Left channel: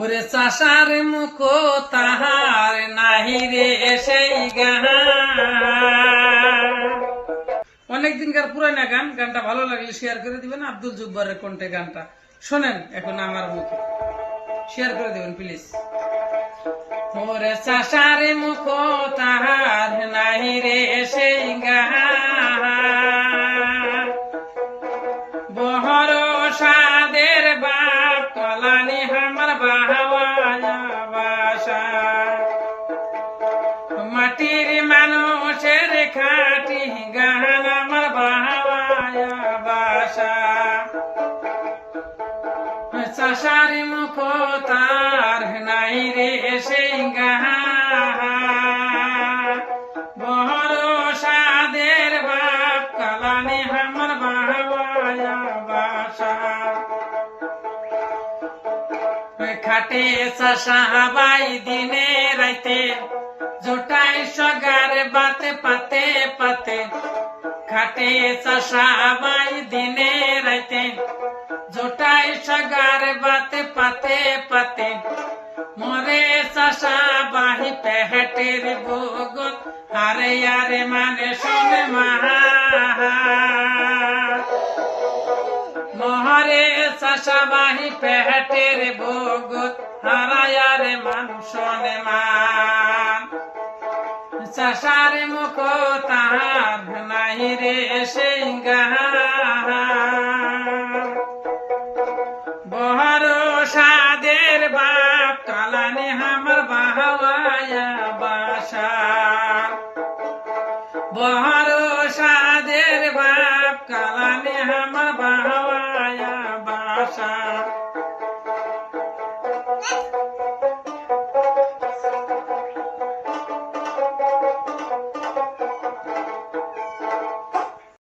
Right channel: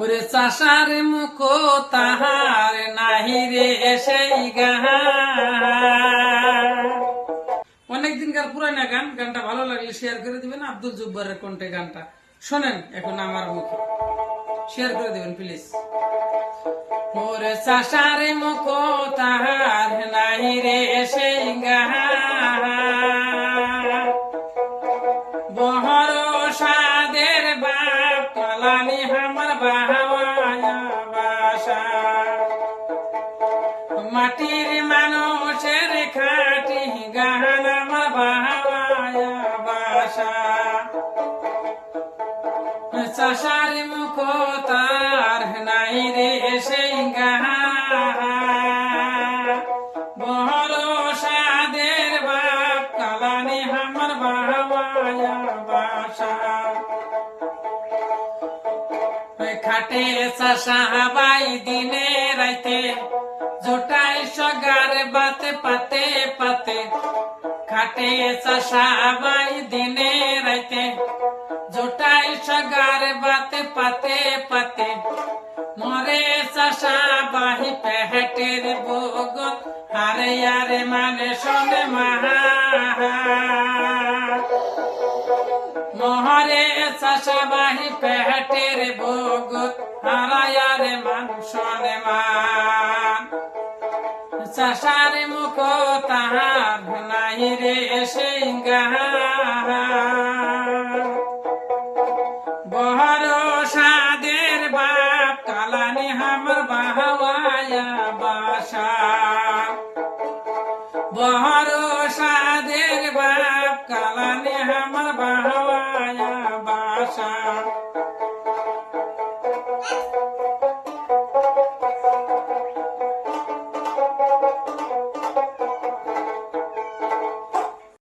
ওরে চাষার মুখ তাহার নাহি রে সেই গান। অনেকদিনকার পুরানা গান, গানটা ভালো লাগলে শেয়ার করে দিবেন। আব্দুল জব্বারের কণ্ঠে গানটা শোনেন এখন আমার মুখে, শেয়ার করে দিবেন প্লিজ। ওরে চাষার মুখ তাহার নাহি রে সেই গান, বহর সাদের বাপ কলানি আমার বাহাওয়ায়া বাসা, মাটির মানুষের খাটি গান আমার বাহাওয়ায়া বাসা। চাষার মুখ তার নাই রে সেই গান, বহর সাদের বাপ কলানি আমার বাহাওয়ায়া বাসা। খাটে চাষা বাই দিনে রাইতে, জোটাই সগার বাতে পাতে পাতে। খাটে চাষা বাই দিনে রাইতে, জোটাই সগার বাতে পাতে পাতে। মরে চাষা বাহি পেটের বগল, আরে আরে মানে সঙ্গে মাহা। মহরে চাষা বাহি পেটের বগল, হারায়ার মান শোনে মান। চাষার মুখ তাহার নাই রে সেই গান, বহর সাদের বাপ কালানি আমার বাহাওয়ায়া বাসা। বহর সাদের বাপ কালানি আমার বাহাওয়ায়া বাসা।